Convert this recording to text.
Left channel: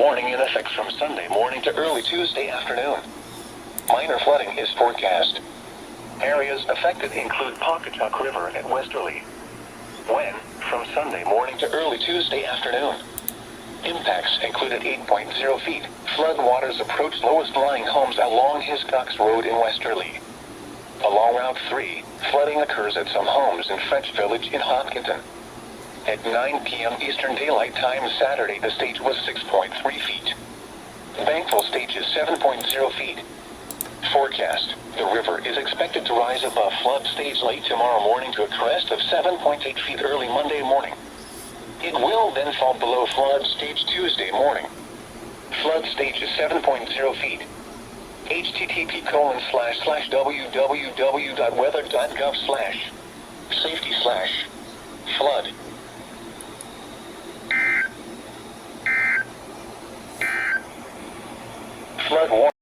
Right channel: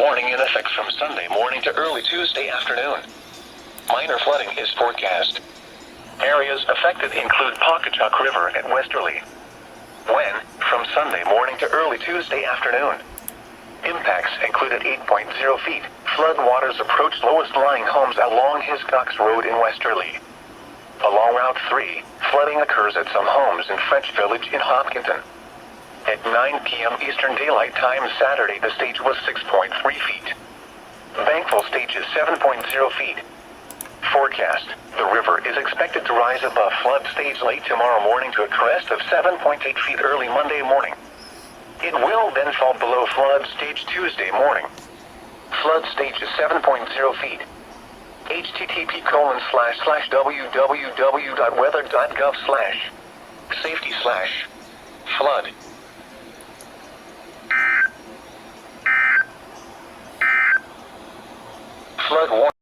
warning in effect from Sunday morning to early Tuesday afternoon. Minor flooding is forecast. Areas affected include Pawcatuck River at Westerly. When, from Sunday morning to early Tuesday afternoon. Impacts included 8.0 feet. Flood waters approached lowest-lying homes along Hiscox Road in Westerly. Along Route 3, flooding occurs at some homes in French Village in Hopkinton. At 9 p.m. Eastern Daylight Time Saturday, the stage was 6.3 feet. Bankfull stage is 7.0 feet. Forecast: the river is expected to rise above flood stage late tomorrow morning to a crest of 7.8 feet early Monday morning. It will then fall below flood stage Tuesday morning. Flood stage is 7.0 feet. http://www.weather.gov/safety/flood. Flood warning.